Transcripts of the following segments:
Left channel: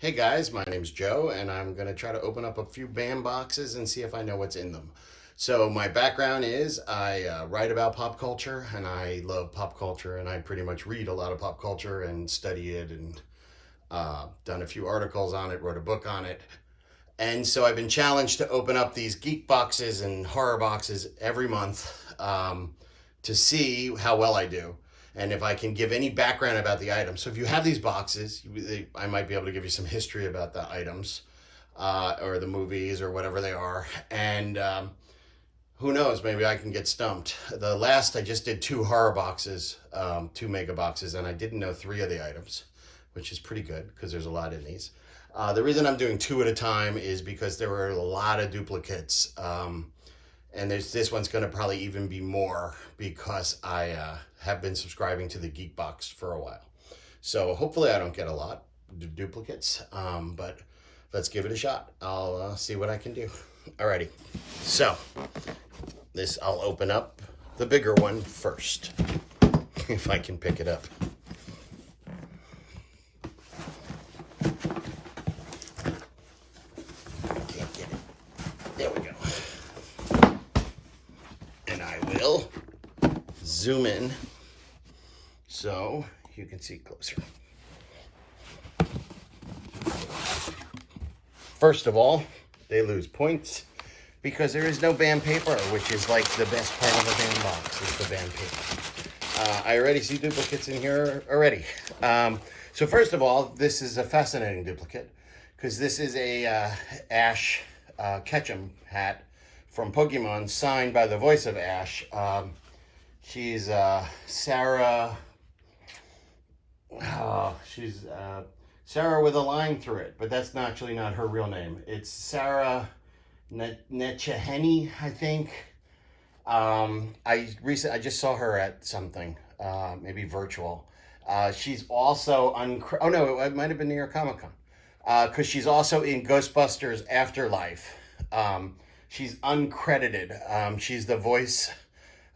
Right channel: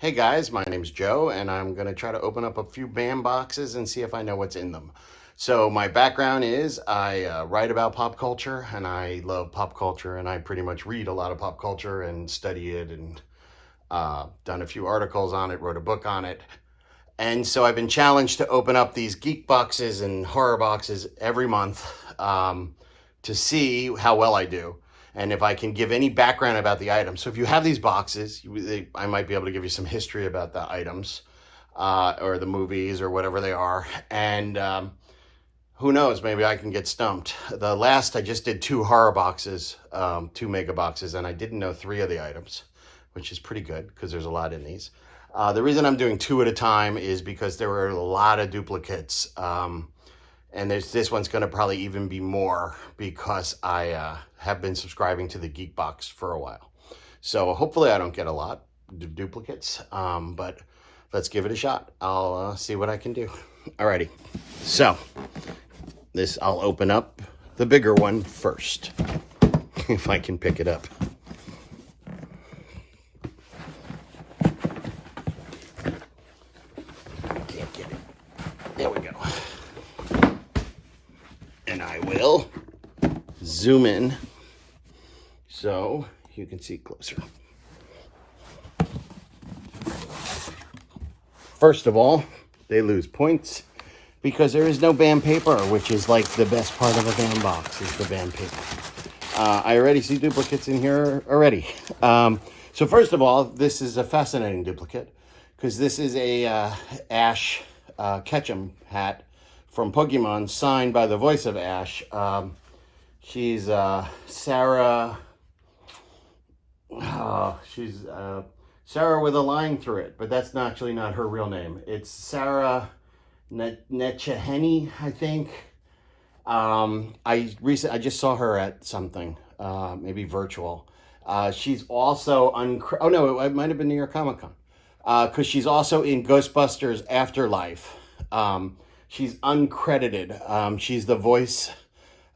Hey guys, my name's Joe, and I'm going to try to open up a few BAM boxes and see if I know what's in them. So my background is I write about pop culture, and I love pop culture, and I pretty much read a lot of pop culture and study it, and done a few articles on it, wrote a book on it. And so I've been challenged to open up these geek boxes and horror boxes every month to see how well I do and if I can give any background about the items. So if you have these boxes, I might be able to give you some history about the items or the movies or whatever they are. And who knows, maybe I can get stumped. I just did 2 horror boxes, 2 mega boxes, and I didn't know 3 of the items, which is pretty good because there's a lot in these. The reason I'm doing 2 at a time is because there were a lot of duplicates. And this one's going to probably even be more because I have been subscribing to the Geek Box for a while. So hopefully I don't get a lot of duplicates, but let's give it a shot. I'll see what I can do. Alrighty, so I'll open up the bigger one first, if I can pick it up. Can't get it. There we go. And I will zoom in so you can see closer. First of all, they lose points because there is no band paper, which is like the best part of a band box, is the band paper. I already see duplicates in here already. So first of all, this is a fascinating duplicate because this is a Ash Ketchum hat from Pokemon, signed by the voice of Ash. She's Sarah. She's Sarah with a line through it, but that's actually not her real name. It's Sarah Netcheheny, I think. I just saw her at something, maybe virtual. She's also oh no, it might have been New York Comic Con, because she's also in Ghostbusters Afterlife. She's uncredited. She's the voice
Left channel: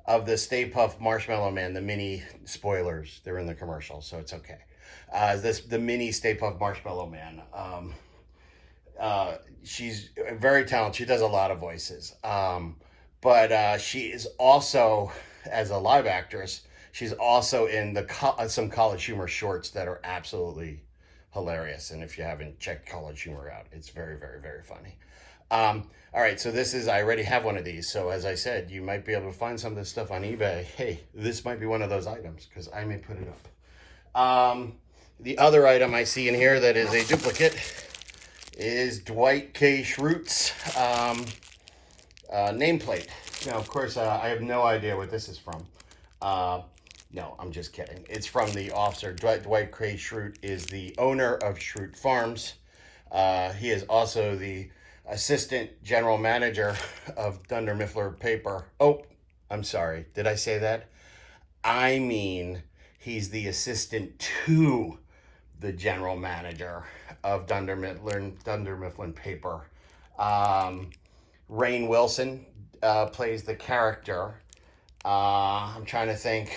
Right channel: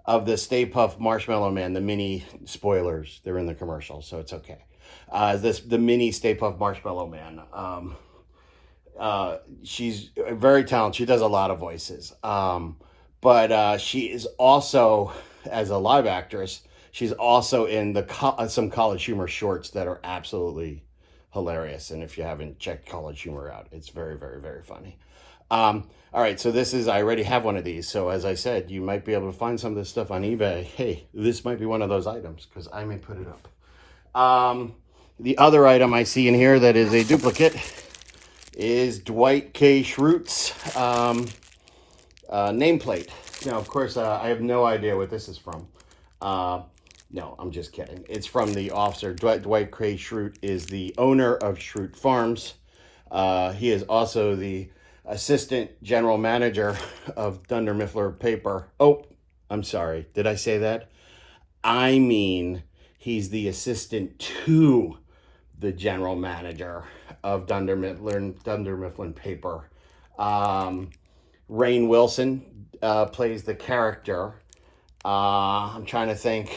of the Stay Puft Marshmallow Man, the mini spoilers. They're in the commercial, so it's okay. The mini Stay Puft Marshmallow Man. She's very talented. She does a lot of voices. But she is also, as a live actress, she's also in some College Humor shorts that are absolutely hilarious. And if you haven't checked College Humor out, it's very, very, very funny. All right, so I already have one of these. So as I said, you might be able to find some of this stuff on eBay. Hey, this might be one of those items because I may put it up. The other item I see in here that is a duplicate is Dwight K. Schrute's nameplate. Now, of course, I have no idea what this is from. No, I'm just kidding. It's from the officer. Dwight K. Schrute is the owner of Schrute Farms. He is also the assistant general manager of Dunder Mifflin Paper. Oh, I'm sorry. Did I say that? I mean, he's the assistant to the general manager of Dunder Mifflin Paper. Rainn Wilson plays the character. I'm trying to think,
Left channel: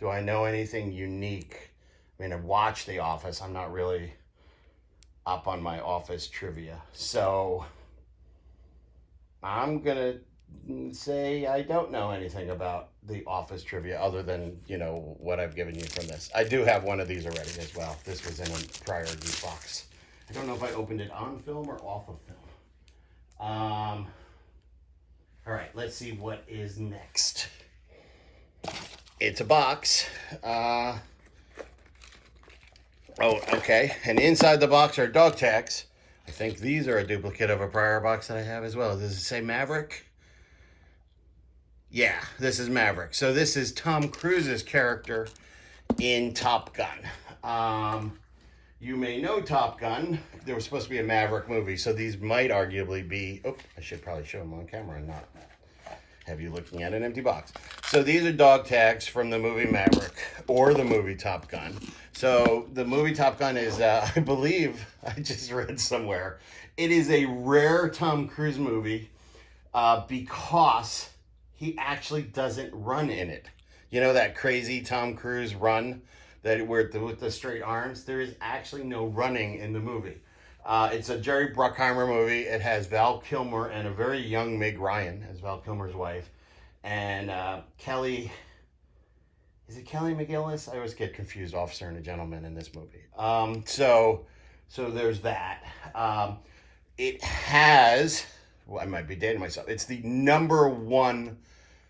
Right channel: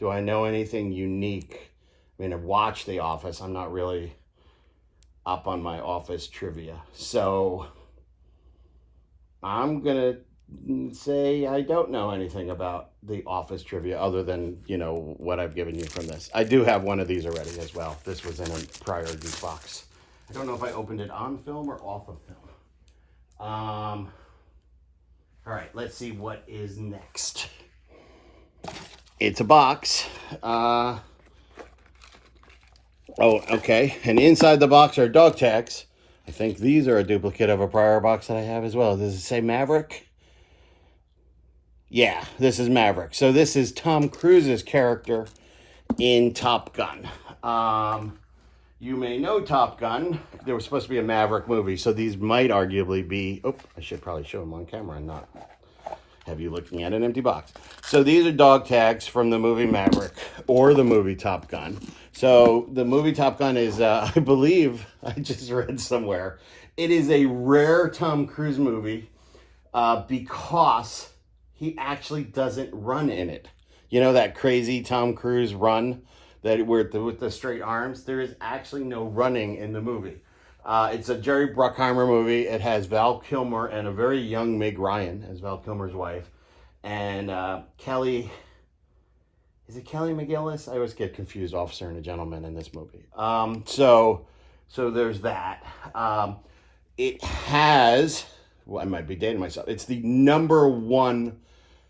do I know anything unique? I mean, I've watched The Office. I'm not really up on my Office trivia. So I'm going to say I don't know anything about the Office trivia other than, what I've given you from this. I do have one of these already as well. This was in a prior Geek Box. I don't know if I opened it on film or off of film. All right, let's see what is next. It's a box. Oh, okay. And inside the box are dog tags. I think these are a duplicate of a prior box that I have as well. Does it say Maverick? Yeah, this is Maverick. So this is Tom Cruise's character in Top Gun. You may know Top Gun. There was supposed to be a Maverick movie, so these might arguably be... Oh, I should probably show them on camera and not have you looking at an empty box. So these are dog tags from the movie Maverick or the movie Top Gun. So the movie Top Gun is, I believe, I just read somewhere, it is a rare Tom Cruise movie because he actually doesn't run in it. You know that crazy Tom Cruise run? that with the straight arms. There is actually no running in the movie. It's a Jerry Bruckheimer movie. It has Val Kilmer and a very young Meg Ryan as Val Kilmer's wife, and Kelly. Is it Kelly McGillis? I always get confused, Officer and a Gentleman, in this movie. So there's that. It has. Well, I might be dating myself. It's the #1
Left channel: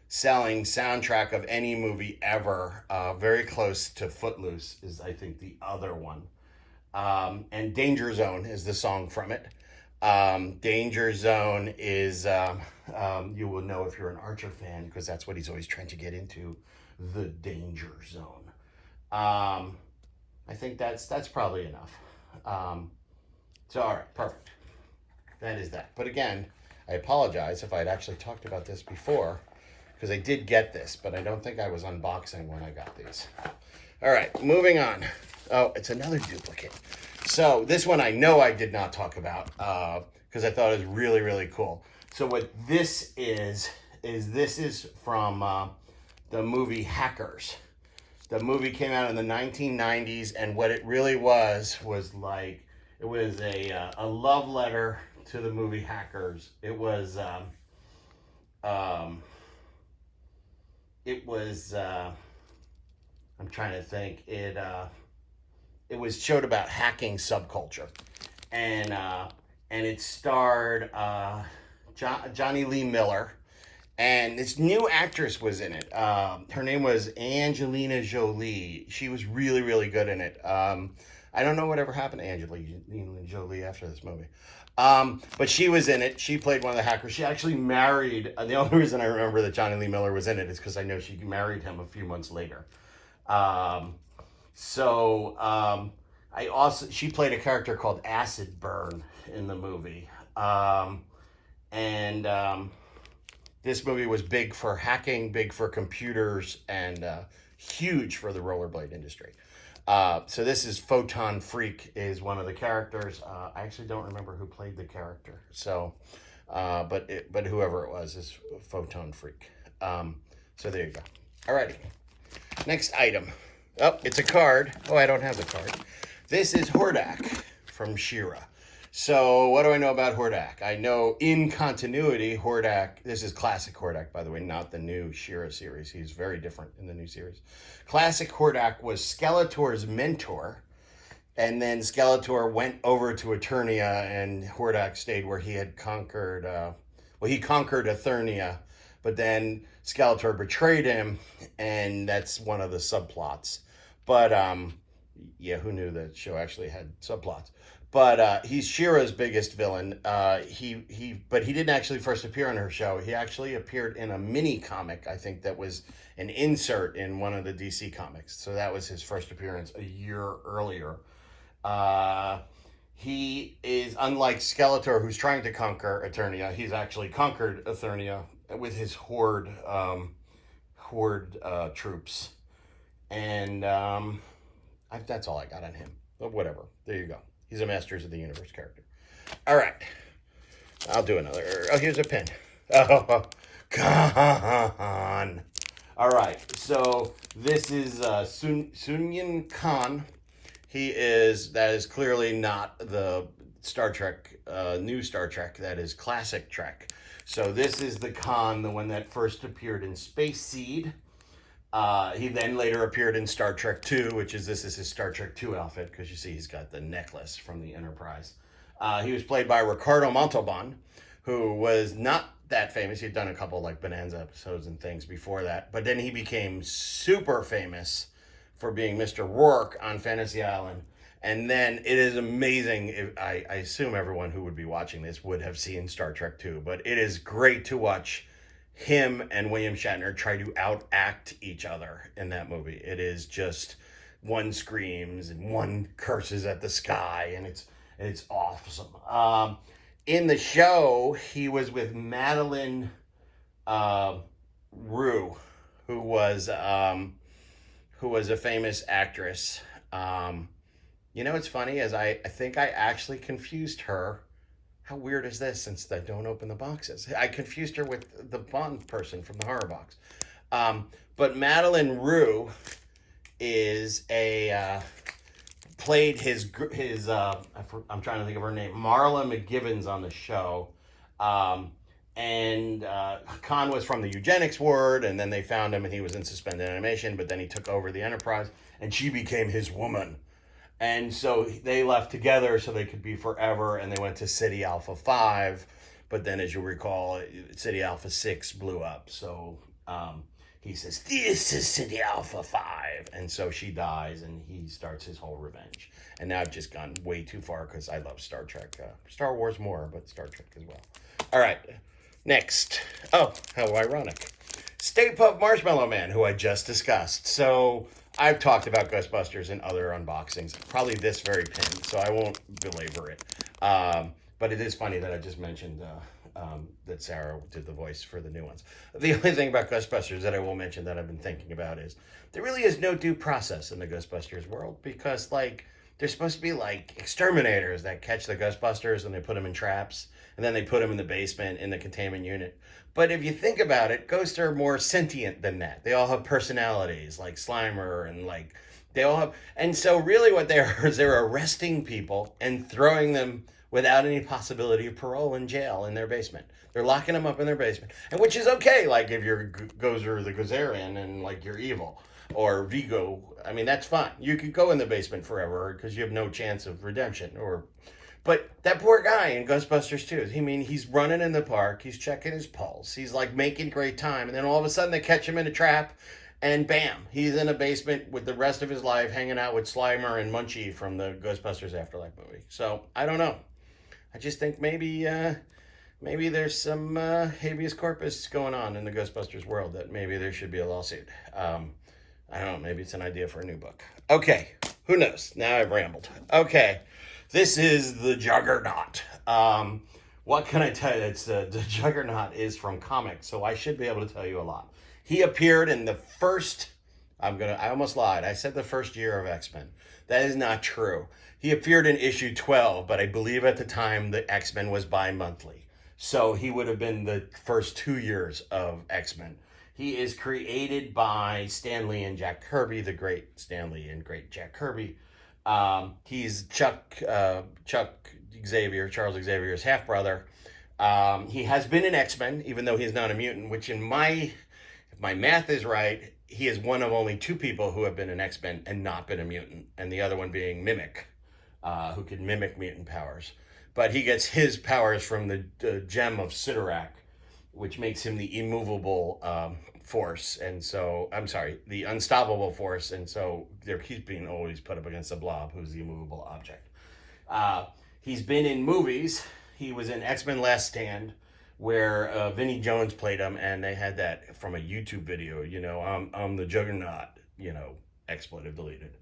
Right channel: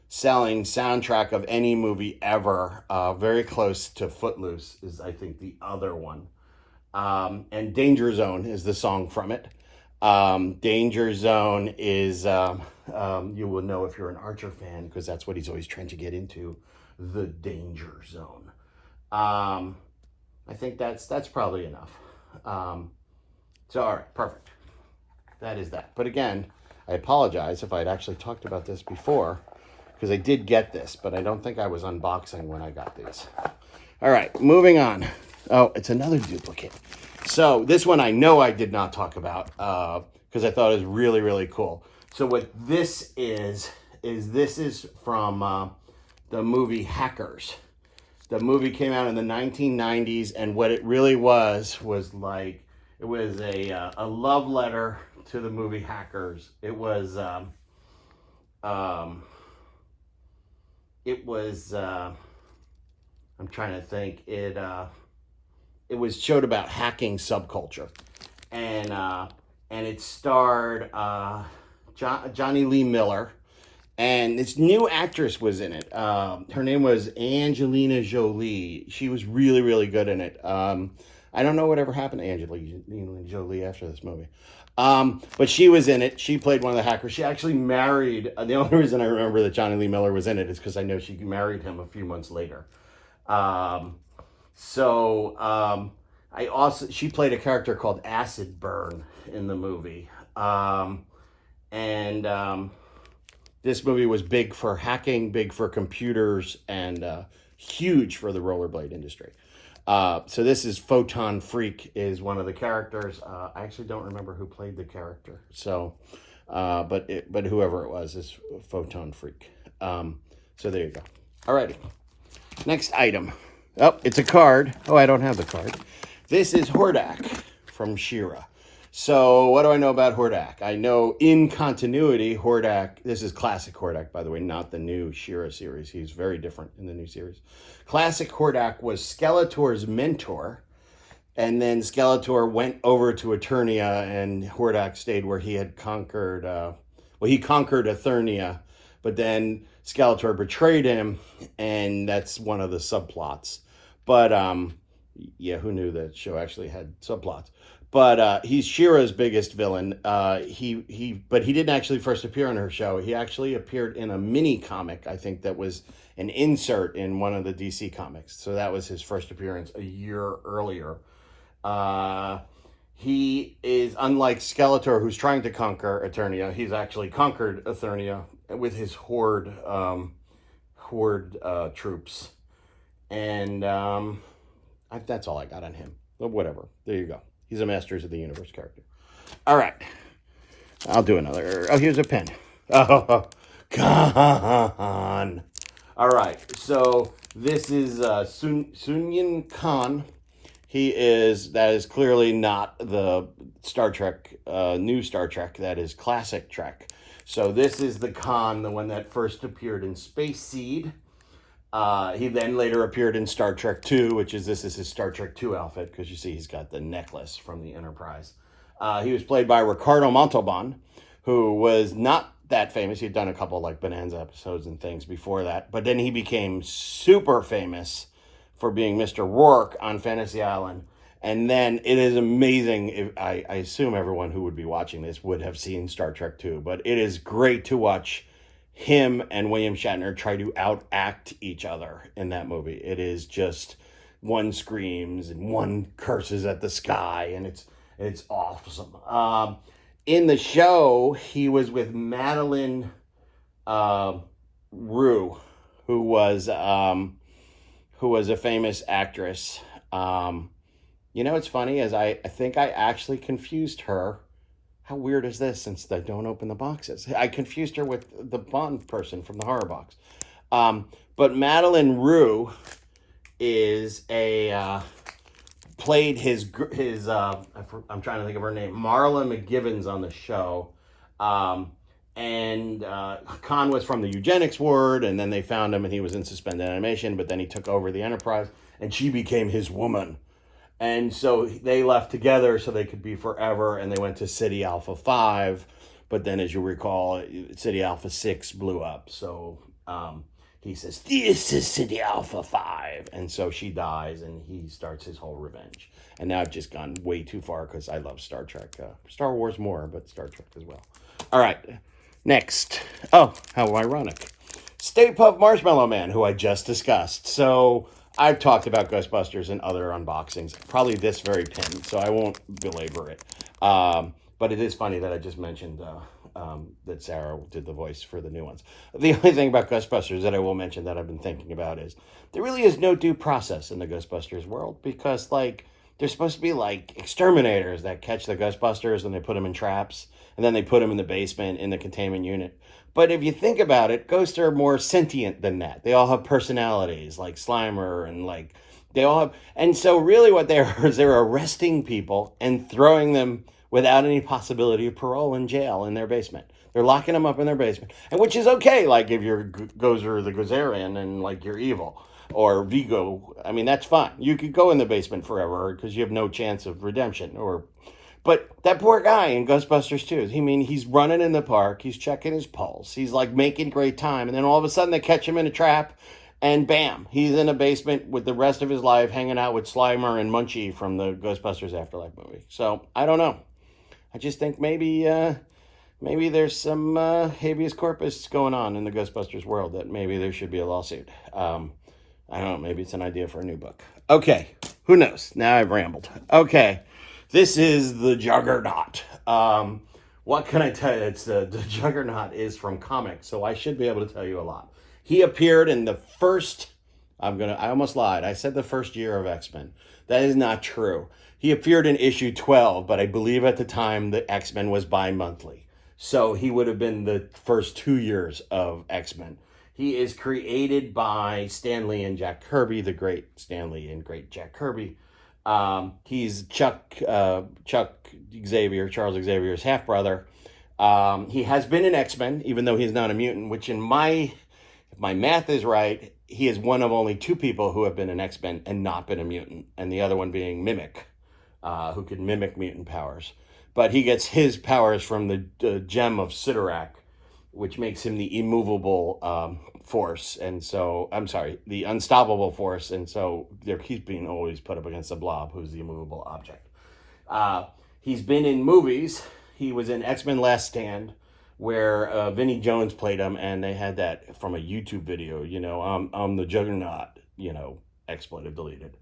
selling soundtrack of any movie ever. Very close to Footloose is, I think, the other one. And Danger Zone is the song from it. Danger Zone is, you will know if you're an Archer fan, because that's what he's always trying to get into, the Danger Zone. I think that's probably enough. So, all right, perfect. That is that. But again, I apologize if I'd actually talked about this before, because I did get this, but I don't think I was unboxing when I got these. All right, moving on. Oh, it's another duplicate. So this one I know I did not talk about because I thought it was really, really cool. So what this is this is from the movie Hackers. The movie came out in the 1990s, and what it really was like, it was a love letter to the movie Hackers. It was I'm trying to think. It was showed about hacking subculture, and it starred Johnny Lee Miller, and this new actress was in it. Her name was Angelina Jolie. She was really, really good in it. I don't know whatever happened to Angelina Jolie after this movie. But she was in it. She played one of the hackers. She actually married, the only reason I remember that Johnny Lee Miller was in it is because I know she married him a few months later. She played a character called Acid Burn in the movie. This movie was big for hacking, big for computers, and huge for the rollerblade industry. So this is Photon Freak is one of the characters. I actually don't remember who played the character. So, but whoever it was is Photon Freak. So there you go. Alrighty. Next item. Oh, it's a card. Oh, I don't have the card. This is Hordak from She-Ra. So what do I know about Hordak? I know in continuity, Hordak, this is classic Hordak, by the way, not the new She-Ra series. He's very different in the new series. Classic Hordak was Skeletor's mentor, and then Skeletor went over to Eternia, and Hordak stayed where he had conquered, he conquered Eternia, but then Skeletor betrayed him, and that's one of the subplots. But, yeah, who knew that show actually had subplots? But he's She-Ra's biggest villain. But he didn't actually first appear on her show. He actually appeared in a mini comic, I think, that was an insert in one of the DC comics. So that was his first appearance a year earlier. He is, unlike Skeletor, who's trying to conquer Eternia, he's actually conquered Eternia with his horde troops. And that's all I got on him. But whatever. There you go. He's a Masters of the Universe character. All right. I'll do another. Oh, here's a pen. Oh, Khan. All right. So this is Sunyan Khan. That is clearly not the Star Trek, new Star Trek. That is classic Trek. So this is the Khan, the one that first appeared in Space Seed. He then later appeared in Star Trek 2, this is his Star Trek 2 outfit, because you see he's got the necklace from the Enterprise. He was played by Ricardo Montalban, who was not that famous. He'd done a couple like Bonanza episodes and things before that, but then he became super famous for being Mr. Rourke on Fantasy Island. And then it is amazing. I assume everyone who would be watching this would have seen Star Trek 2, but it is great to watch him and William Shatner try to outact each other in that movie. It is just, one screams and one curses at the sky, and it's awesome. In the show, he was with Madeline Rue, who was a famous actress. It's funny, as I think I actually confused her. How weird is this, since I don't open the boxes? I confused her with the Bond person from the horror box. But Madeline Rue is played his I'm trying to think of her name, Marla McGivens on the show. And Khan was from the eugenics ward, and then they found him and he was in suspended animation, but then he took over the Enterprise and she became his woman. And so they left together so they could be forever, and they went to City Alpha 5, but then as you recall, City Alpha 6 blew up. So he says, "This is City Alpha 5." And so she dies, and he starts his whole revenge. And now I've just gone way too far because I love Star Trek. Star Wars more, but Star Trek as well. All right, next. Oh, how ironic. Stay Puft Marshmallow Man, who I just discussed. So I've talked about Ghostbusters in other unboxings, probably this very pin, so I won't belabor it. But it is funny that I just mentioned that Sarah did the voice for the new ones. The only thing about Ghostbusters that I will mention that I've been thinking about is there really is no due process in the Ghostbusters world, because like they're supposed to be like exterminators that catch the Ghostbusters and they put them in traps and then they put them in the basement in the containment unit. But if you think about it, ghosts are more sentient than that. They all have personalities, like Slimer, and like they all have. And so really what they are is they're arresting people and throwing them without any possibility of parole in jail in their basement. They're locking them up in their basement, and which is okay. Like if you're Gozer the Gozerian and like you're evil, or Vigo, I mean that's fine. You could go in the basement forever because you have no chance of redemption. But that poor guy in Ghostbusters 2, he's running in the park, he's checking his pulse, he's like making great time, and then all of a sudden they catch him in a trap, and bam, he's in a basement with the rest of his life hanging out with Slimer and Munchie from the Ghostbusters Afterlife movie. So I don't know. I just think maybe there's some habeas corpus going on in the Ghostbusters world that maybe there should be a lawsuit. I don't know, maybe it's an idea for a new book. Okay, who knows? Now I've rambled. Okay, this is the Juggernaut. What can I tell you? It's the Juggernaut is from comics, so I should be able to tell you a lot. He appeared in the first, I almost lied. I said the first year of X-Men. That is not true. He appeared in issue 12, but I believe at the time the X-Men was bi-monthly. So he would have been the first 2 years of X-Men. He is created by Stan Lee and Jack Kirby, the great Stan Lee and great Jack Kirby. He's Charles Xavier's half-brother. He has been in X-Men, even though he's not a mutant, which if my math is right, he is one of only 2 people who have been an X-Men and not been a mutant, and the other one being Mimic, who can mimic mutant powers. But he gets his powers from the gem of Sidorak, which makes him the immovable force, and so, I'm sorry, the unstoppable force, and so he's being always put up against the Blob, who's the immovable object. He's been in movies. He was in X-Men Last Stand, where Vinnie Jones played him, and they had that from a YouTube video, I'm the Juggernaut, expletive deleted.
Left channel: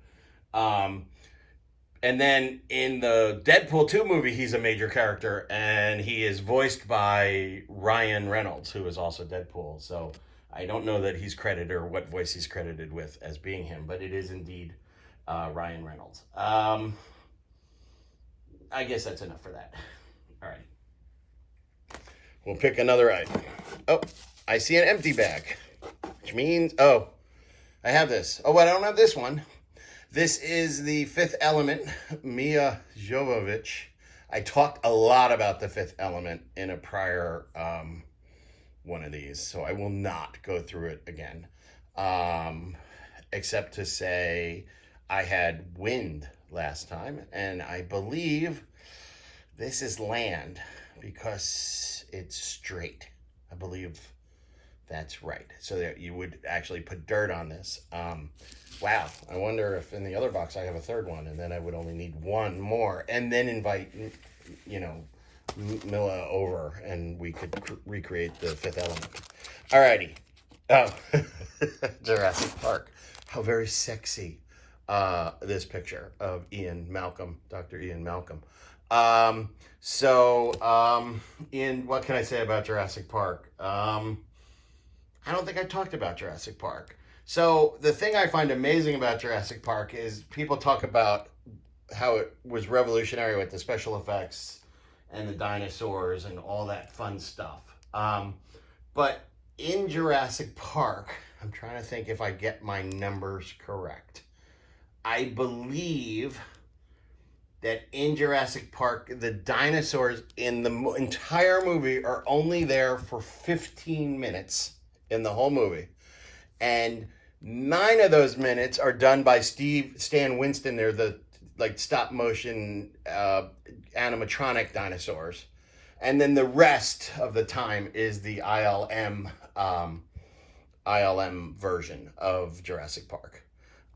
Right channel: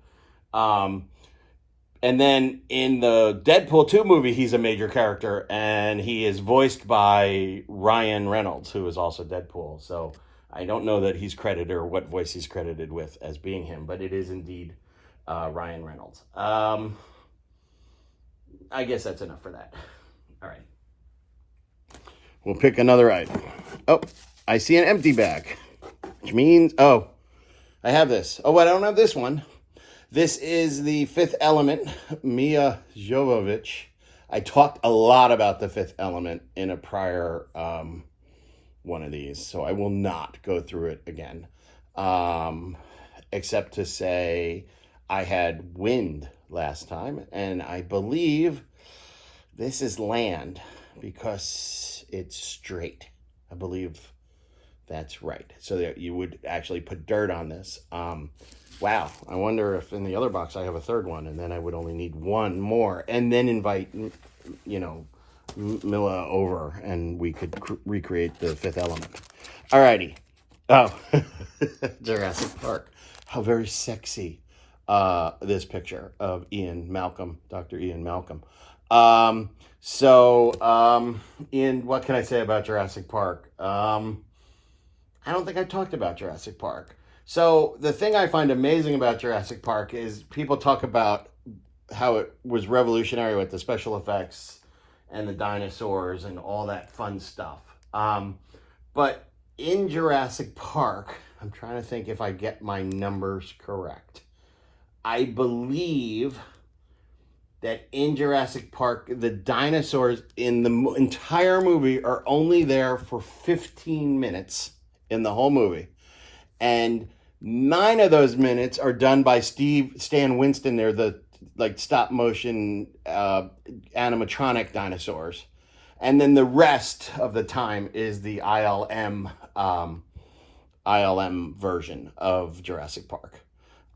And then in the Deadpool 2 movie, he's a major character, and he is voiced by Ryan Reynolds, who is also Deadpool. So I don't know that he's credited or what voice he's credited with as being him, but it is indeed Ryan Reynolds. I guess that's enough for that. All right. We'll pick another item. Oh, I see an empty bag, which means, I have this. Oh, I don't have this one. This is the Fifth Element, Milla Jovovich. I talked a lot about the Fifth Element in a prior one of these, so I will not go through it again. Except to say I had wind last time, and I believe this is land because it's straight. I believe that's right. So that you would actually put dirt on this. Wow, I wonder if in the other box I have a third one, and then I would only need one more, and then invite, Milla over, and we could recreate the Fifth Element. Alrighty. Oh, Jurassic Park. How very sexy this picture of Dr. Ian Malcolm. Ian, what can I say about Jurassic Park? I don't think I talked about Jurassic Park. So the thing I find amazing about Jurassic Park is people talk about how it was revolutionary with the special effects and the dinosaurs and all that fun stuff. But in Jurassic Park, I'm trying to think if I get my numbers correct. I believe that in Jurassic Park, the dinosaurs in the entire movie are only there for 15 minutes in the whole movie. And 9 of those minutes are done by Stan Winston. They're the like stop motion animatronic dinosaurs. And then the rest of the time is the ILM version of Jurassic Park.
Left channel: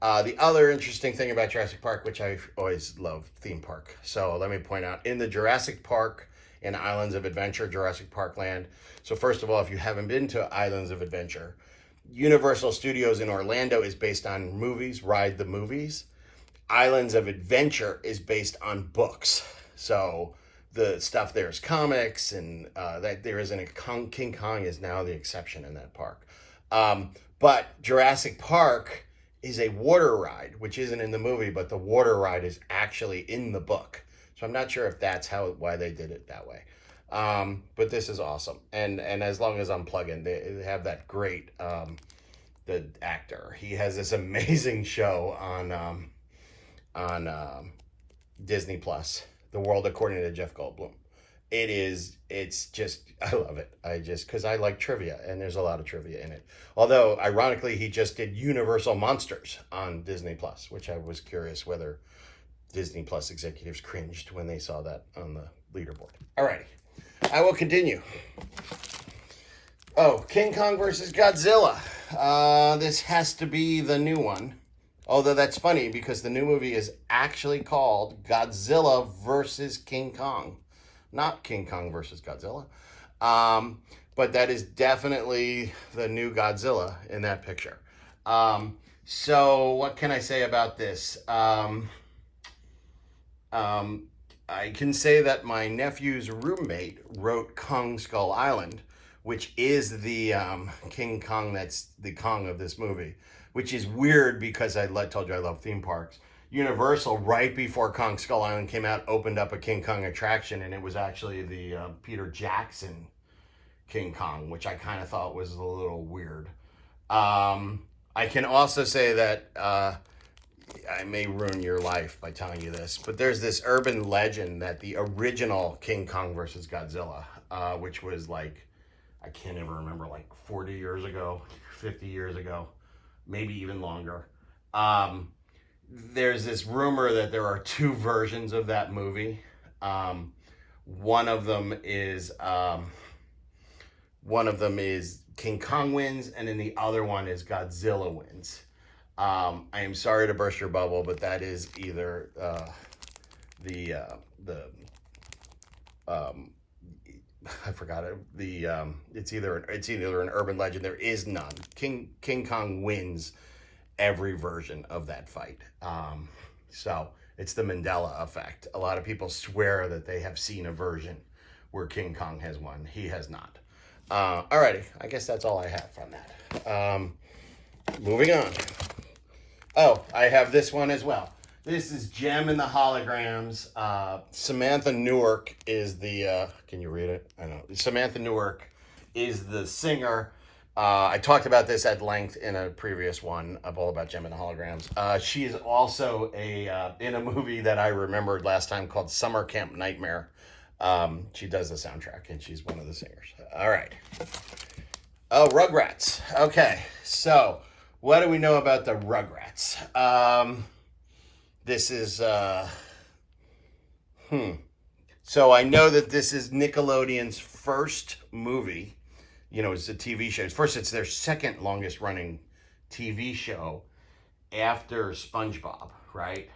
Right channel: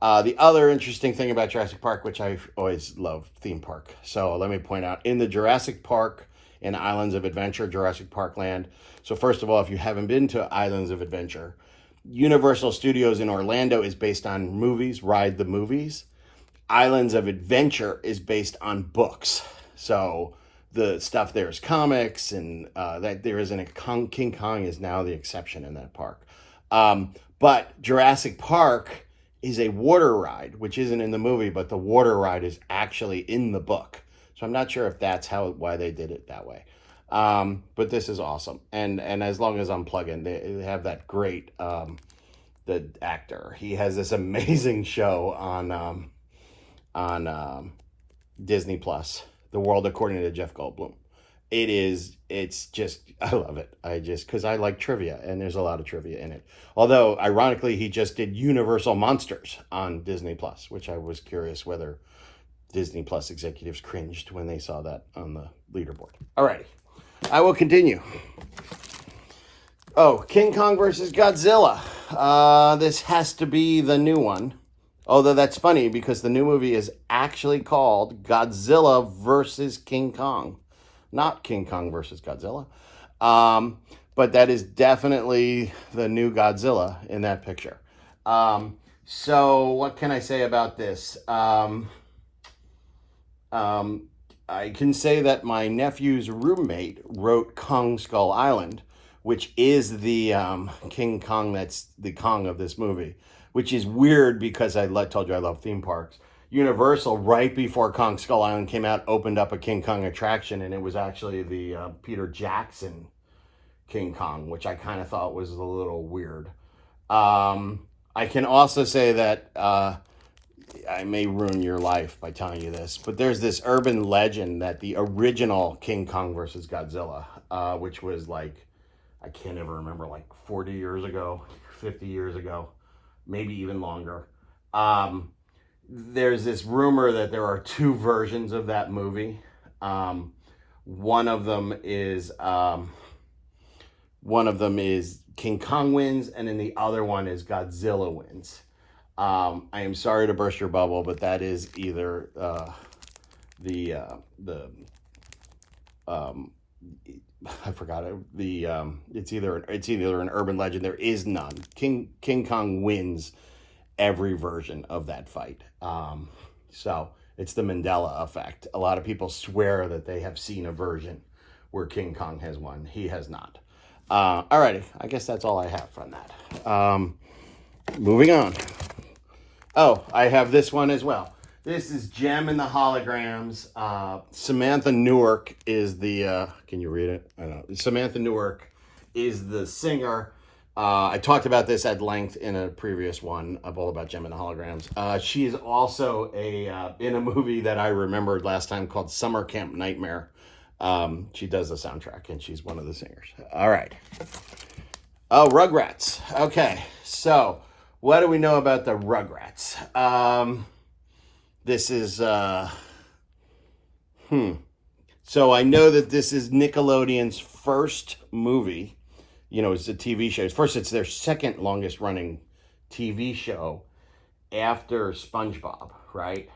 The other interesting thing about Jurassic Park, which I always love theme park. So let me point out, in the Jurassic Park and Islands of Adventure, Jurassic Park Land. So first of all, if you haven't been to Islands of Adventure, Universal Studios in Orlando is based on movies, Ride the Movies. Islands of Adventure is based on books. So the stuff there is comics, and that there isn't a King Kong is now the exception in that park. But Jurassic Park is a water ride, which isn't in the movie, but the water ride is actually in the book. So I'm not sure if that's why they did it that way. But this is awesome. And as long as I'm plugging, they have that great, the actor. He has this amazing show on Disney Plus, The World According to Jeff Goldblum. It's just, I love it. Because I like trivia, and there's a lot of trivia in it. Although, ironically, he just did Universal Monsters on Disney Plus, which I was curious whether Disney Plus executives cringed when they saw that on the leaderboard. All right, I will continue. Oh, King Kong versus Godzilla. This has to be the new one. Although that's funny because the new movie is actually called Godzilla versus King Kong. Not King Kong versus Godzilla. But that is definitely the new Godzilla in that picture. So what can I say about this? I can say that my nephew's roommate wrote Kong Skull Island, which is the King Kong, that's the Kong of this movie, which is weird because I told you I love theme parks. Universal, right before Kong Skull Island came out, opened up a King Kong attraction, and it was actually the Peter Jackson King Kong, which I kind of thought was a little weird. I can also say that I may ruin your life by telling you this, but there's this urban legend that the original King Kong versus Godzilla, which was like, I can't ever remember, like 40 years ago, 50 years ago, maybe even longer. There's this rumor that there are 2 versions of that movie. One of them is King Kong wins, and then the other one is Godzilla wins. I am sorry to burst your bubble, but that is either I forgot it. It's either an urban legend. There is none. King Kong wins every version of that fight. So it's the Mandela effect. A lot of people swear that they have seen a version where King Kong has won. He has not. Alrighty, I guess that's all I have from that. Moving on. Oh, I have this one as well. This is Gem and the Holograms. Samantha Newark is the, can you read it? Samantha Newark is the singer. I talked about this at length in a previous one, all about Gem and the Holograms. She is also in a movie that I remembered last time called Summer Camp Nightmare. She does the soundtrack, and she's one of the singers. All right. Oh, Rugrats. Okay, so what do we know about the Rugrats? This is, So I know that this is Nickelodeon's first movie. You know, it's a TV show. First, it's their second longest running TV show after SpongeBob, right?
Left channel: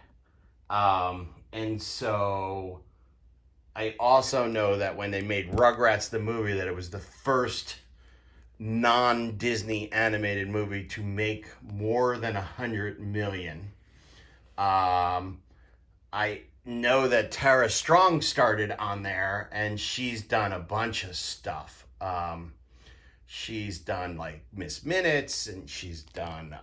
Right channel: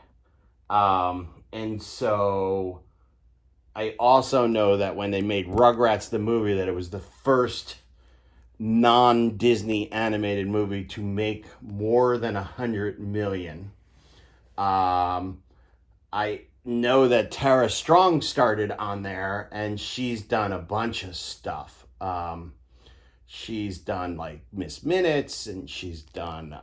And so I also know that when they made Rugrats the movie, that it was the first non-Disney animated movie to make more than 100 million. I know that Tara Strong started on there, and she's done a bunch of stuff. She's done like Miss Minutes, and she's done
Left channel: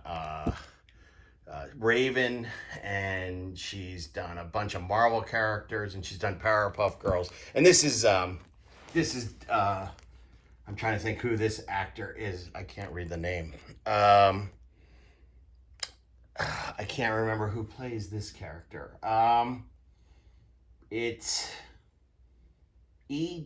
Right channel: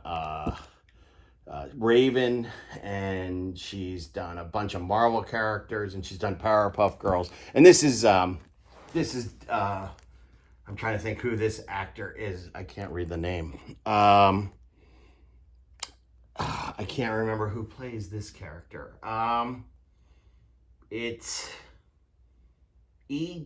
Raven, and she's done a bunch of Marvel characters, and she's done Powerpuff Girls. And this is I'm trying to think who this actor is. I can't read the name. I can't remember who plays this character. It's E.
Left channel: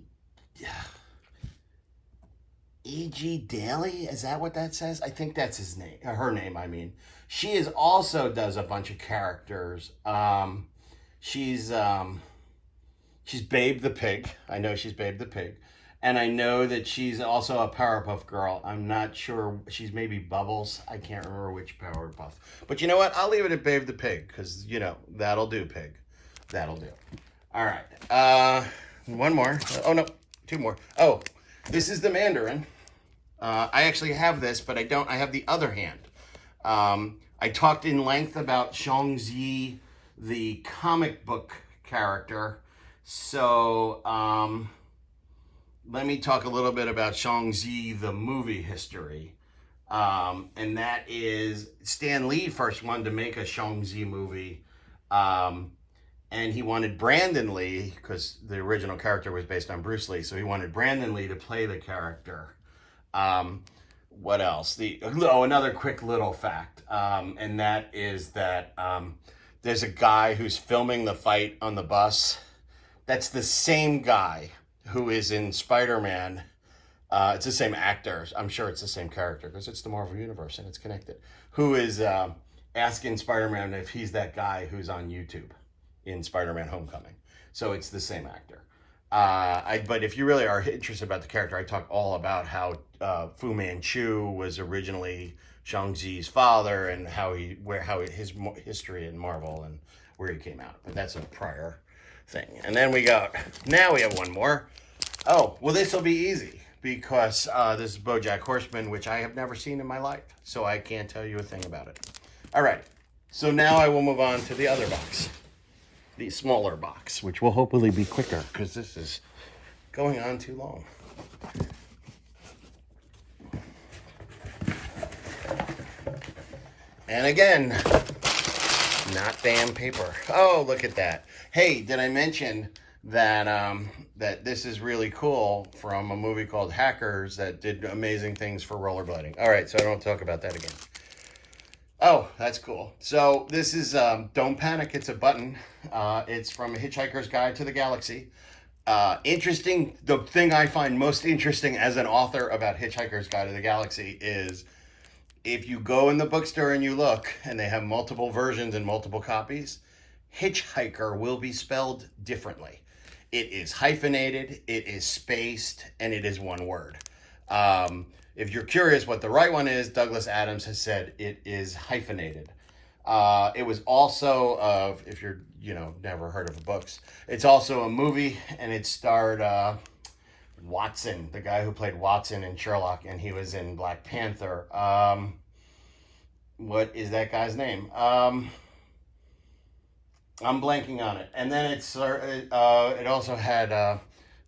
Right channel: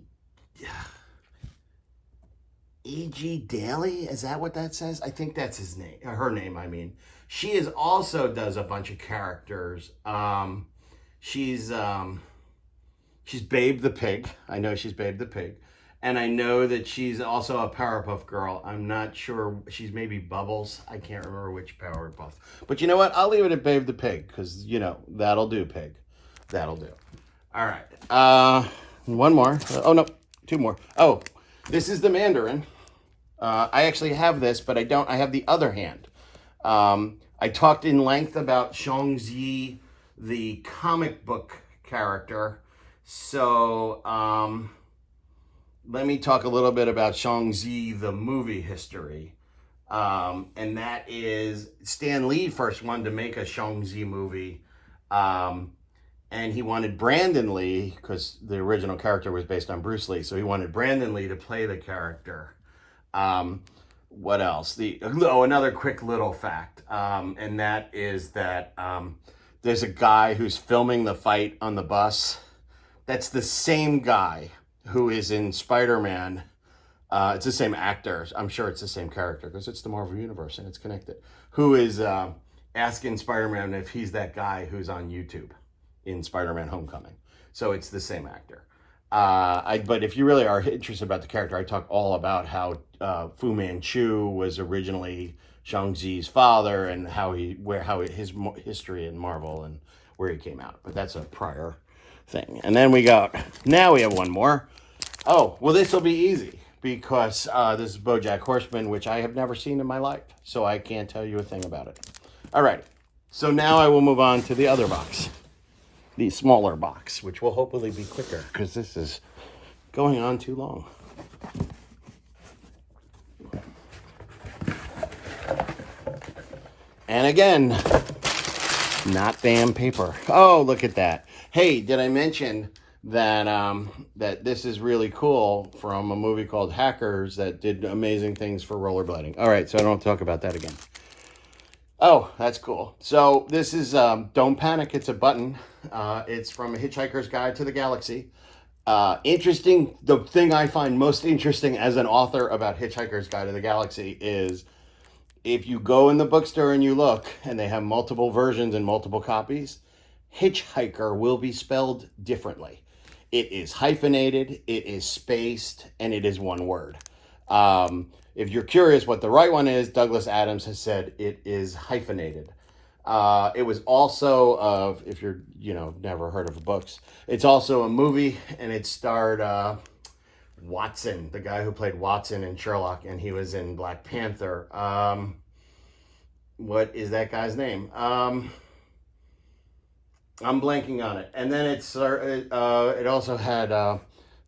E.G. Daly, is that what that says? I think that's his name, her name, I mean. She is also does a bunch of characters. She's Babe the Pig. I know she's Babe the Pig. And I know that she's also a Powerpuff Girl. I'm not sure. She's maybe Bubbles. I can't remember which Powerpuff. But you know what? I'll leave it at Babe the Pig because, you know, that'll do, Pig. That'll do. All right. One more. Oh, no. Two more. Oh, this is the Mandarin. I actually have this, but I don't. I have the other hand. I talked in length about Shang-Chi, the comic book character. So, let me talk a little bit about Shang-Chi, the movie history. And that is Stan Lee first wanted to make a Shang-Chi movie. And he wanted Brandon Lee, because the original character was based on Bruce Lee. So he wanted Brandon Lee to play the character. What else? Another quick little fact. And that is that there's a guy who's filming the fight on the bus. That's the same guy who is in Spider-Man. It's the same actor. I'm sure it's the same character because it's the Marvel Universe and it's connected. Who is asking Spider-Man if he's that guy who's on YouTube in Spider-Man Homecoming. So it's the same actor. But if you really are interested about the character, I talk all about how Fu Manchu was originally Shang-Chi's father and his history in Marvel and where he came out. But that's a prior thing. And then now we have one more. Oh, well, this will be easy because this is Bojack Horseman, which I have never seen in my life. So I can't tell you a thing about it. All right. So now I will move on to the other box. The smaller box, which will hopefully be quicker because this is going on too long. And again, not damn paper. Oh, look at that. Hey, did I mention that that this is really cool from a movie called Hackers that did amazing things for rollerblading? All right, so I don't talk about that again. Oh, that's cool. So this is Don't Panic. It's a button. It's from A Hitchhiker's Guide to the Galaxy. Interesting. The thing I find most interesting as an author about Hitchhiker's Guide to the Galaxy is if you go in the bookstore and you look and they have multiple versions and multiple copies, Hitchhiker will be spelled differently. It is hyphenated, it is spaced, and it is one word. If you're curious what the right one is, Douglas Adams has said it is hyphenated. It was also, if you're, never heard of the books, it's also a movie, and it starred Watson, the guy who played Watson in Sherlock, and he was in Black Panther. What is that guy's name? I'm blanking on it. And then it also had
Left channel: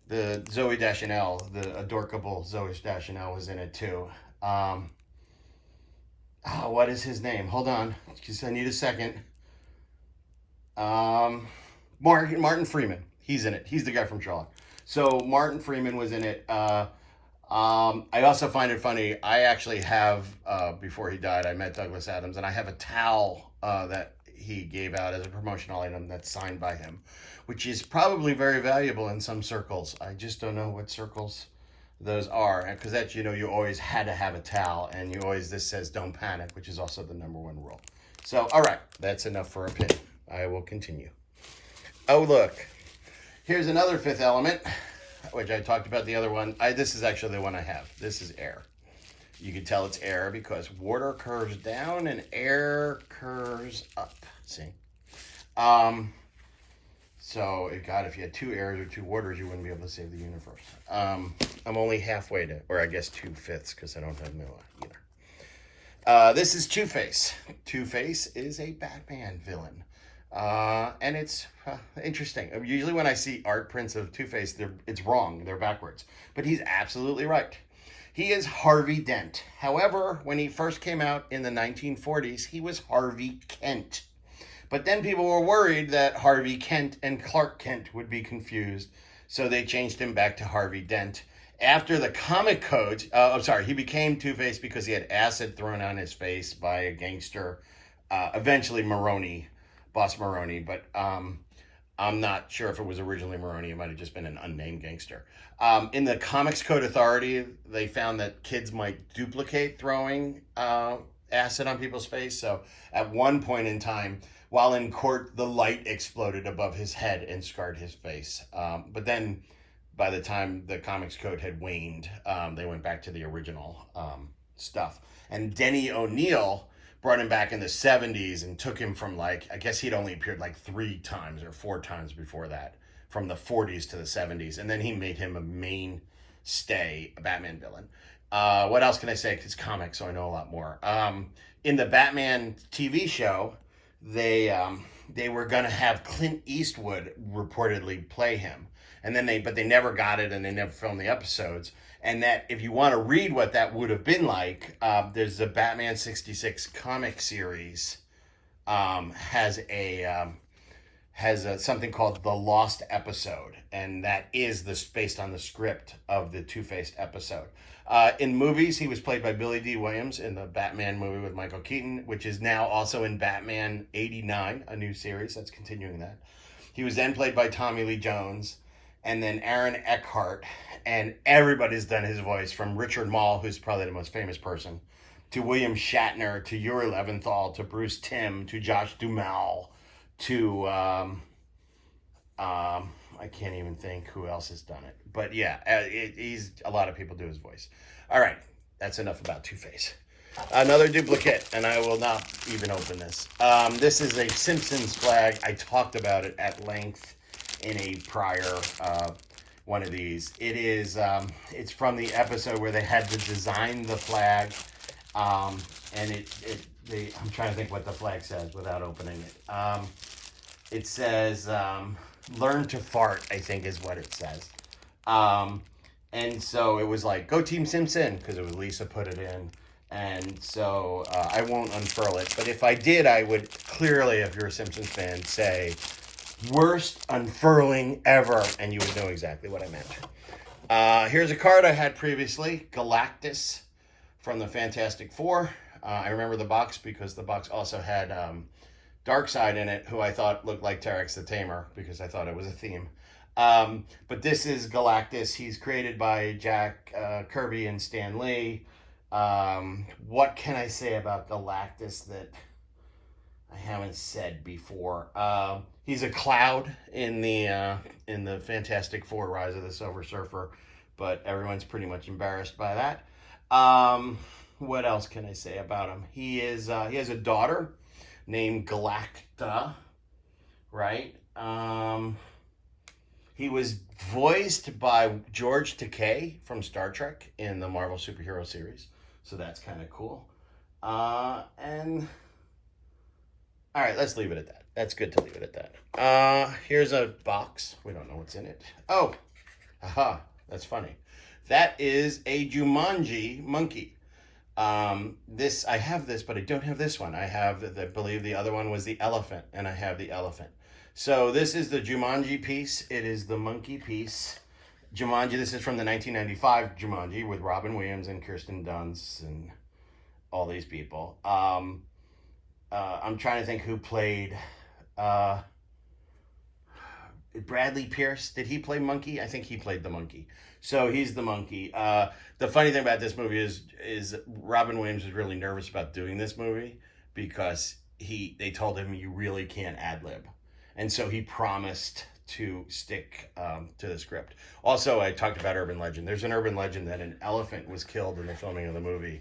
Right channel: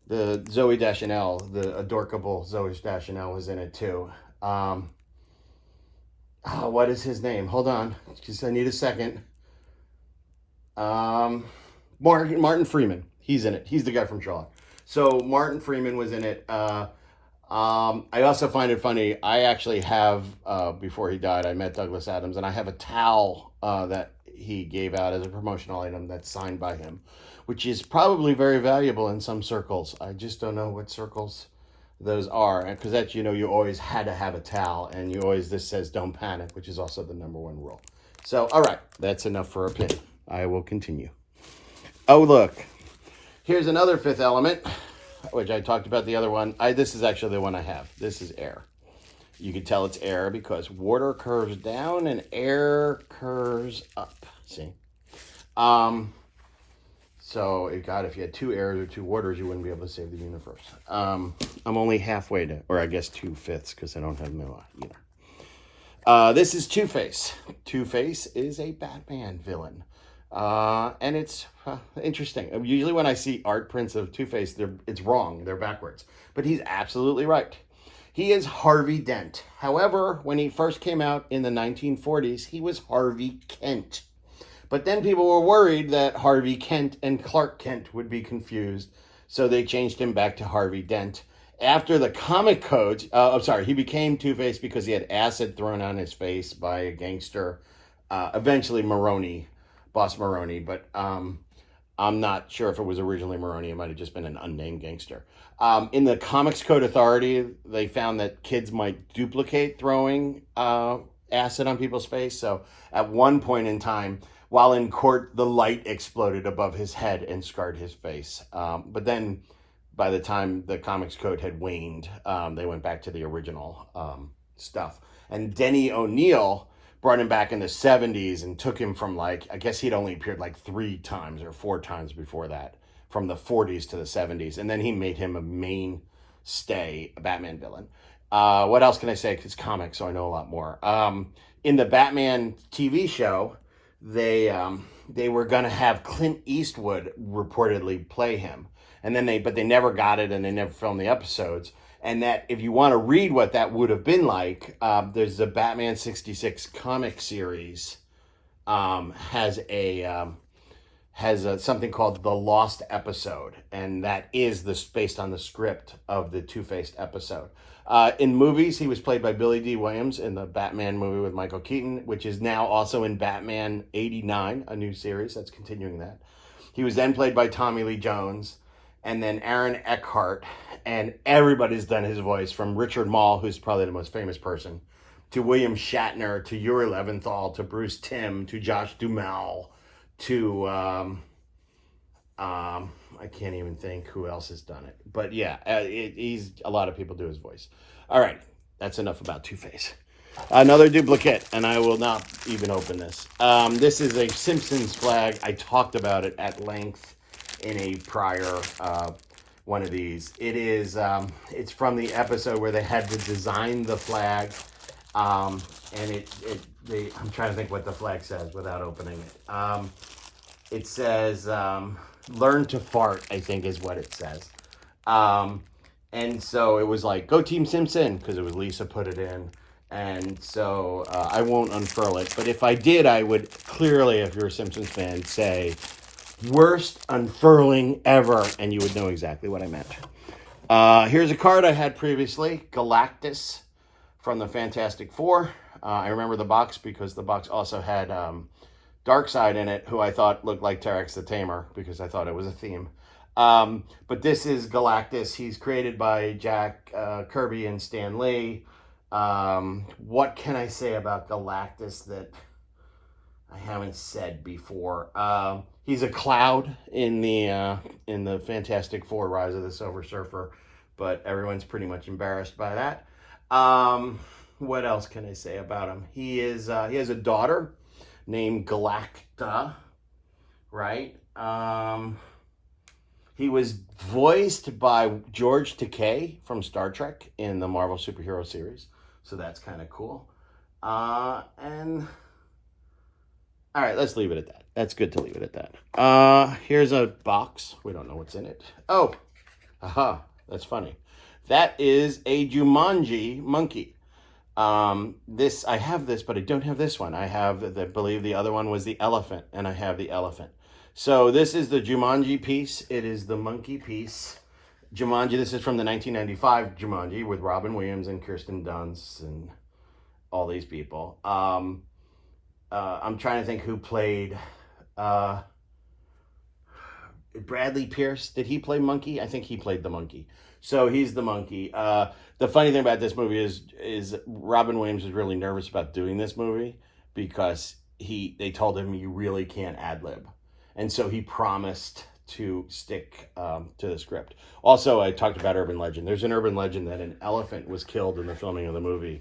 the Zooey Deschanel, the adorkable Zooey Deschanel was in it too. What is his name? Hold on, because I need a second. Martin Freeman. He's in it. He's the guy from Sherlock. So Martin Freeman was in it. I also find it funny. I actually have, before he died, I met Douglas Adams, and I have a towel that he gave out as a promotional item that's signed by him, which is probably very valuable in some circles. I just don't know what circles those are, because that's, you always had to have a towel, and this says Don't Panic, which is also the #1 rule. So, all right, that's enough for a pin. I will continue. Oh, look, here's another Fifth Element, which I talked about the other one. This is actually the one I have. This is air. You can tell it's air because water curves down and air curves up. See? So, if you had 2 airs or 2 waters, you wouldn't be able to save the universe. I'm only halfway to, or I guess 2/5, because I don't have Milla either. This is Two-Face. Two-Face is a Batman villain. And it's interesting. Usually when I see art prints of Two-Face, it's wrong. They're backwards. But he's absolutely right. He is Harvey Dent. However, when he first came out in the 1940s, he was Harvey Kent. But then people were worried that Harvey Kent and Clark Kent would be confused, so they changed him back to Harvey Dent. After the comic code, he became Two-Face because he had acid thrown on his face by a gangster eventually Boss Maroney, but I'm not sure if it was originally Maroney. It might have just been an unnamed gangster. In the Comics Code Authority, they found that kids might duplicate throwing acid on people's face. So at one point in time, while in court, the light exploded above his head and scarred his face. But then by the time the Comics Code had waned, they went back to the original stuff. And Denny O'Neil brought him back in the 70s and took him from, like, I guess he'd only appeared like 3 times or 4 times before that, from the 40s to the 70s. And then he made him a mainstay Batman villain. What else can I say? It's comics, so I know a lot more. In the Batman TV show, they were going to have Clint Eastwood reportedly play him. And then but they never got it, and they never filmed the episodes. And that, if you want to read what that would have been like, there's the Batman 66 comic series has something called The Lost Episode, and that is based on the script of the Two-Faced episode. In movies, he was played by Billy D. Williams in the Batman movie with Michael Keaton, which is now also in Batman 89, a new series that's continuing that. He was then played by Tommy Lee Jones, and then Aaron Eckhart, and everybody's done his voice, from Richard Mall, who's probably the most famous person, to William Shatner, to Yuri Leventhal, to Bruce Timm, to Josh Duhamel, to I can't even think who else has done it. But yeah, a lot of people do his voice. All right, that's enough about Two-Face. Another duplicate, and I will not even open this. This is a Simpsons flag. I talked about it at length in a prior one of these. It's from the episode where they had to design the flag, and I'm trying to think what the flag says without opening it. It says "Learn to fart," I think is what it says. And so it was like, "Go Team Simpson," because it was Lisa put it in. And so I won't unfurl it, but if I did, I would clearly, if you're a Simpsons fan, say worst unfurling ever, and you would know exactly what I meant. Here's a card I had previously, Galactus from the Fantastic Four. I remember the box because the box also had Darkseid in it, who I thought looked like Terex the Tamer, because I thought it was a theme. But this is Galactus. He's created by Jack Kirby and Stan Lee. What can I say about Galactus that I haven't said before? He's a cloud in the Fantastic Four: Rise of the Silver Surfer, but everyone's pretty much embarrassed by that. What else can I say about him? He has a daughter named Galacta, right? He was voiced by George Takei from Star Trek in the Marvel superhero series, so that's kind of cool. And all right, let's leave it at that. That's good to leave it at that. Here's a box. We don't know what's in it. Oh, aha, that's funny. That is a Jumanji Monkey. I have this, but I don't have this one. I believe the other one was the elephant, and I have the elephant. So this is the Jumanji piece. It is the monkey piece. Jumanji, this is from the 1995 Jumanji with Robin Williams and Kirsten Dunst and all these people. I'm trying to think who played Bradley Pierce. Did he play Monkey? I think he played the monkey. So he's the monkey. The funny thing about this movie is Robin Williams was really nervous about doing this movie because they told him you really can't ad-lib. And so he promised to stick to the script. Also, I talked about urban legend. There's an urban legend that an elephant was killed in the filming of the movie,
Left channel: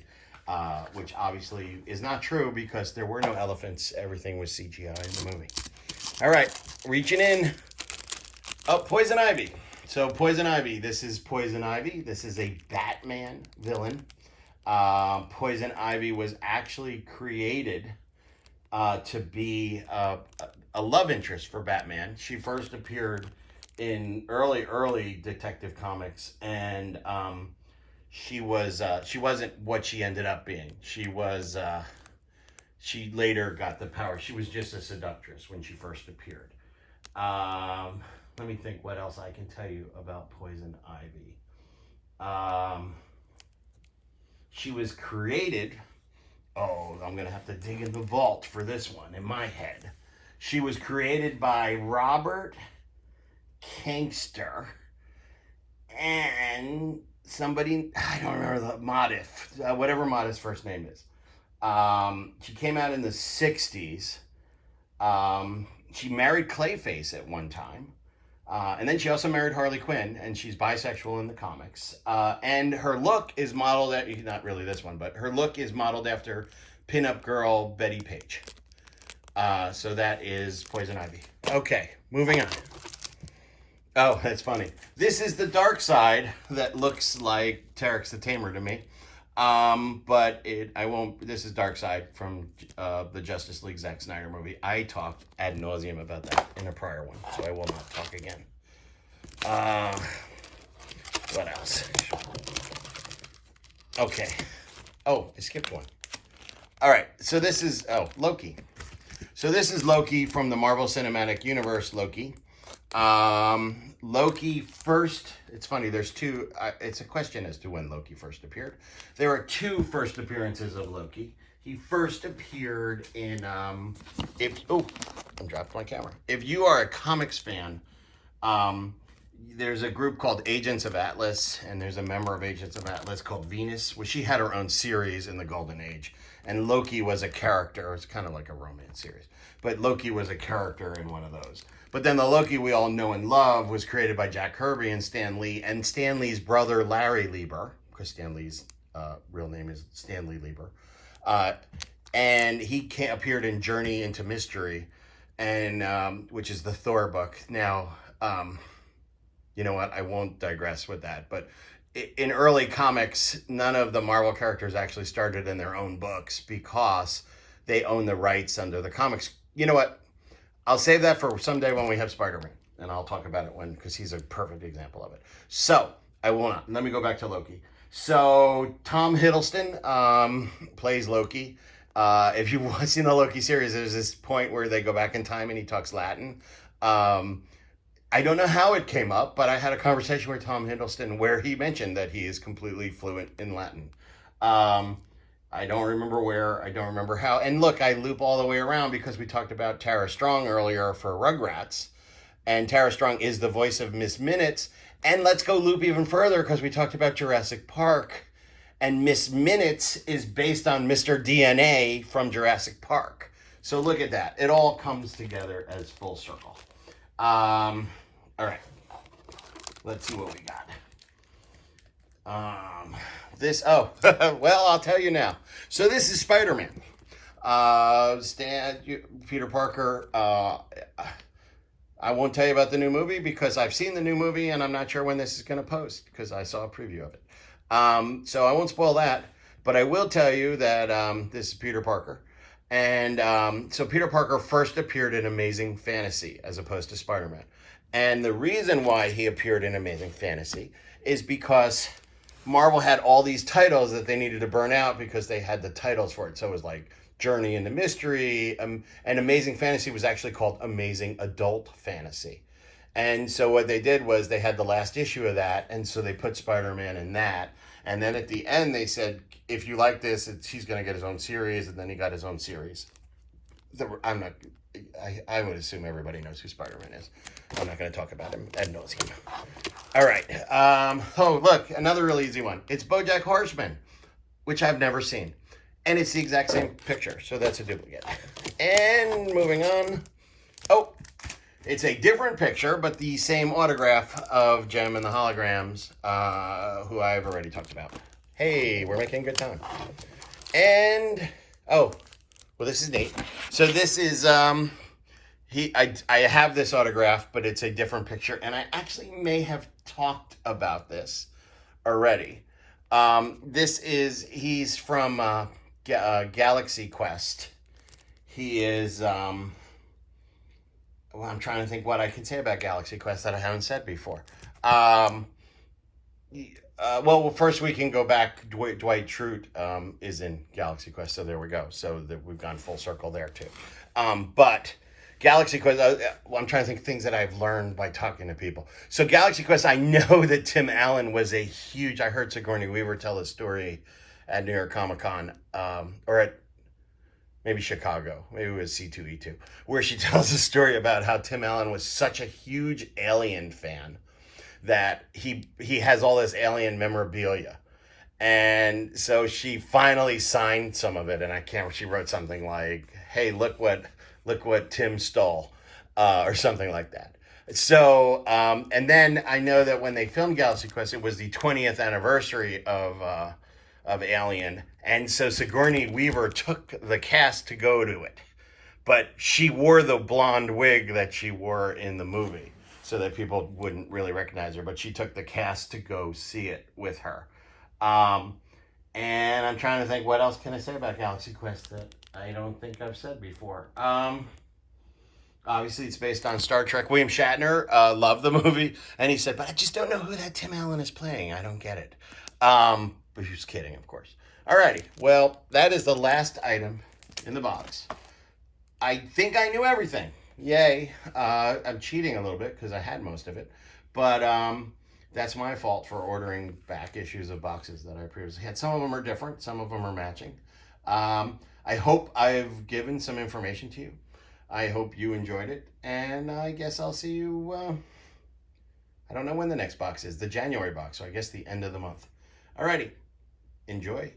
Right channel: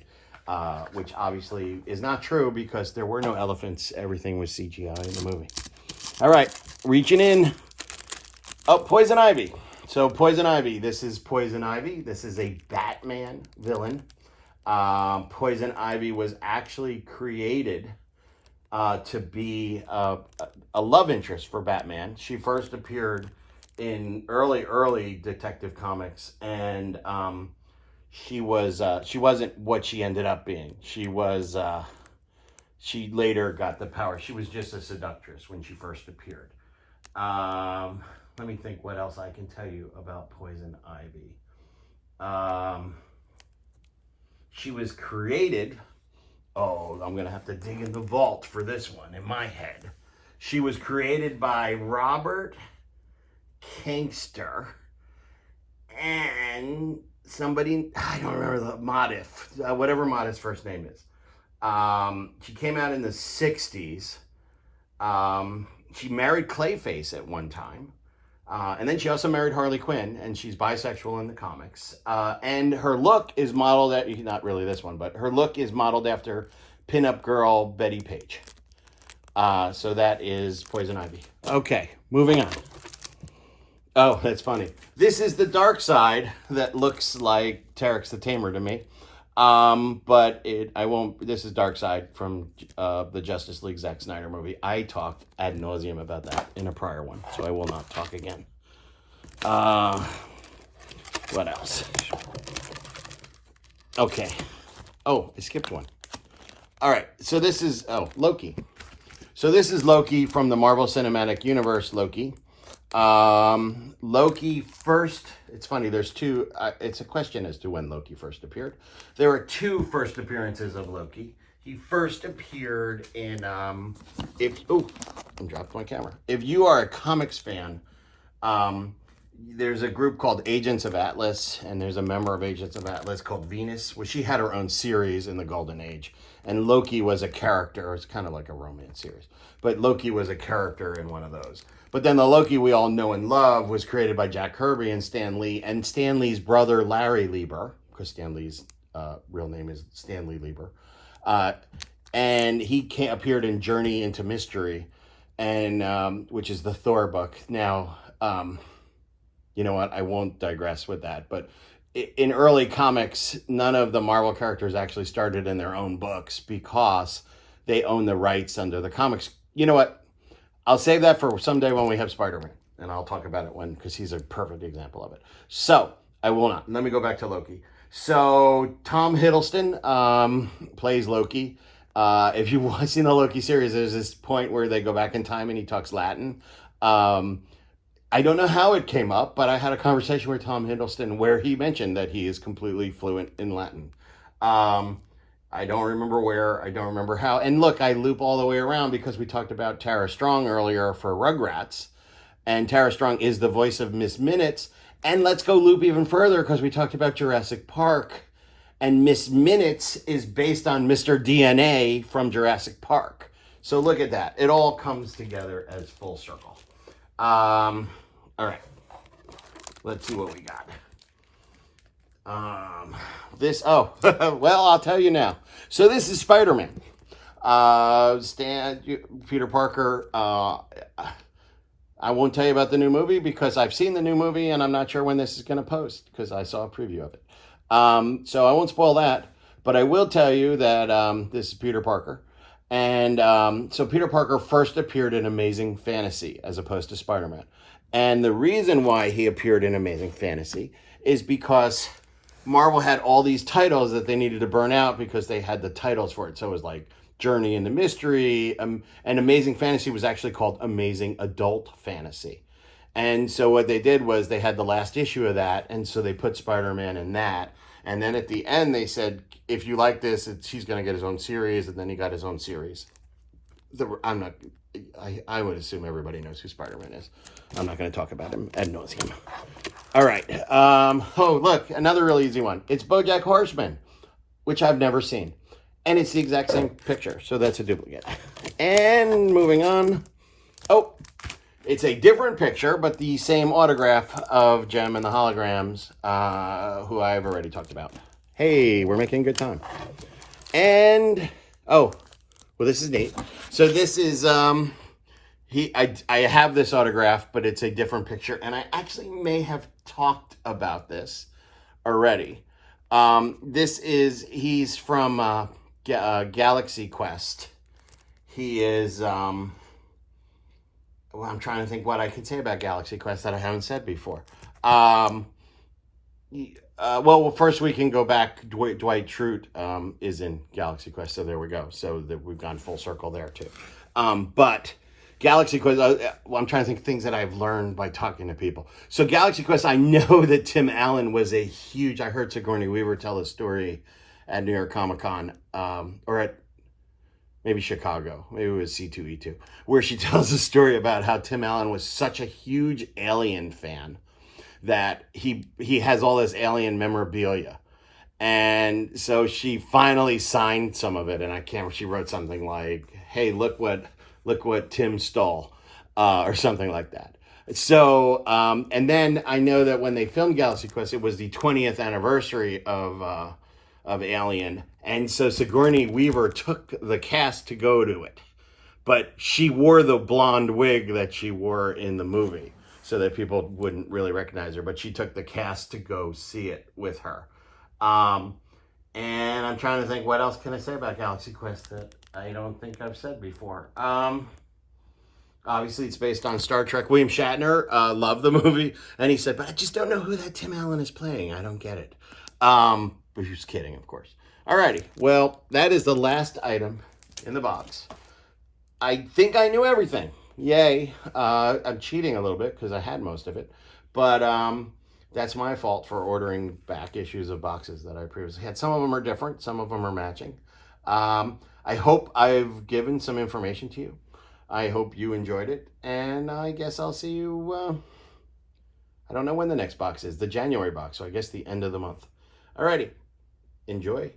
which obviously is not true because there were no elephants. Everything was CGI in the movie. All right, reaching in. Oh, Poison Ivy. So Poison Ivy, this is Poison Ivy. This is a Batman villain. Poison Ivy was actually created to be a love interest for Batman. She first appeared in early Detective Comics, and she wasn't what she ended up being. She later got the power. She was just a seductress when she first appeared. Let me think what else I can tell you about Poison Ivy. She was created Oh, I'm going to have to dig in the vault for this one in my head. She was created by Robert Kangster and somebody, I don't remember the Modif, whatever Modif's first name is. She came out in the 60s. She married Clayface at one time. And then she also married Harley Quinn, and she's bisexual in the comics. And her look is modeled at, not really this one, but her look is modeled after pinup girl Betty Page. So that is Poison Ivy. Okay, moving on. Oh, that's funny. This is the Darkseid that looks like Terex the Tamer to me. But this is Darkseid from the Justice League Zack Snyder movie. I talked ad nauseum about that in a prior one, so I will not talk again. What else? Okay. Oh, I skipped one. All right, so this is, Loki. So this is Loki from the Marvel Cinematic Universe, Loki. Loki first, it's funny, there's two, it's a question as to when Loki first appeared. There are two first appearances of Loki. He first appeared in, I dropped my camera. If you are a comics fan, there's a group called Agents of Atlas, and there's a member of Agents of Atlas called Venus, where she had her own series in the Golden Age. And Loki was a character. It's kind of like a romance series. But Loki was a character in one of those. But then the Loki we all know and love was created by Jack Kirby and Stan Lee. And Stan Lee's brother, Larry Lieber, because Stan Lee's real name is Stanley Lieber. And he appeared in Journey into Mystery, and which is the Thor book. Now, you know what? I won't digress with that. But in early comics, none of the Marvel characters actually started in their own books because they own the rights under the comics. You know what? I'll save that for someday when we have Spiderman, and I'll talk about it because he's a perfect example of it. So I will not. Let me go back to Loki. So Tom Hiddleston plays Loki. If you've seen the Loki series, there's this point where they go back in time and he talks Latin. I don't know how it came up, but I had a conversation with Tom Hiddleston where he mentioned that he is completely fluent in Latin. I don't remember where, I don't remember how. And look, I loop all the way around because we talked about Tara Strong earlier for Rugrats. And Tara Strong is the voice of Miss Minutes. And let's go loop even further because we talked about Jurassic Park. And Miss Minutes is based on Mr. DNA from Jurassic Park. So look at that. It all comes together as full circle. All right, let's see what we got. Well, I'll tell you now. So this is Spider-Man. Peter Parker. I won't tell you about the new movie because I've seen the new movie and I'm not sure when this is going to post because I saw a preview of it. So I won't spoil that, but I will tell you that this is Peter Parker. And so Peter Parker first appeared in Amazing Fantasy as opposed to Spider-Man. And the reason why he appeared in Amazing Fantasy is because Marvel had all these titles that they needed to burn out because they had the titles for it. So it was like Journey into Mystery, and Amazing Fantasy was actually called Amazing Adult Fantasy. And so what they did was they had the last issue of that, and so they put Spider-Man in that. And then at the end they said, if you like this, he's going to get his own series, and then he got his own series. I would assume everybody knows who Spider-Man is. I'm not going to talk about him ad nauseum. All right. Look, another really easy one. It's Bojack Horseman, which I've never seen. And it's the exact same picture, so that's a duplicate. And moving on. Oh, it's a different picture, but the same autograph of Jem and the Holograms, who I've already talked about. Hey, we're making good time. And, well, this is neat. So this is, I have this autograph, but it's a different picture. And I actually may have talked about this already. He's from Galaxy Quest. He is, I'm trying to think what I can say about Galaxy Quest that I haven't said before. First we can go back. Dwight Schrute is in Galaxy Quest, so there we go. So we've gone full circle there too. But Galaxy Quest, I'm trying to think of things that I've learned by talking to people. So Galaxy Quest, I know that Tim Allen was I heard Sigourney Weaver tell a story at New York Comic Con, or at maybe Chicago, maybe it was C2E2, where she tells a story about how Tim Allen was such a huge Alien fan that he has all this Alien memorabilia. And so she finally signed some of it, and I can't. She wrote something like, "Hey, look what Tim stole," or something like that. So, and then I know that when they filmed Galaxy Quest, it was the 20th anniversary of Alien, and so Sigourney Weaver took the cast to go to it, but she wore the blonde wig that she wore in the movie, so that people wouldn't really recognize her. But she took the cast to go see it with her. And I'm trying to think, what else can I say about Galaxy Quest that I don't think I've said before. Obviously, it's based on Star Trek. William Shatner loved the movie, and he said, but I just don't know who that Tim Allen is playing. I don't get it. But he was kidding, of course. Alrighty, well, that is the last item in the box. I think I knew everything. Yay. I'm cheating a little bit because I had most of it. But that's my fault for ordering back issues of boxes that I previously had. Some of them are different. Some of them are matching. I hope I've given some information to you. I hope you enjoyed it. And I guess I'll see you, I don't know when the next box is. The January box, so I guess the end of the month. Alrighty. Enjoy.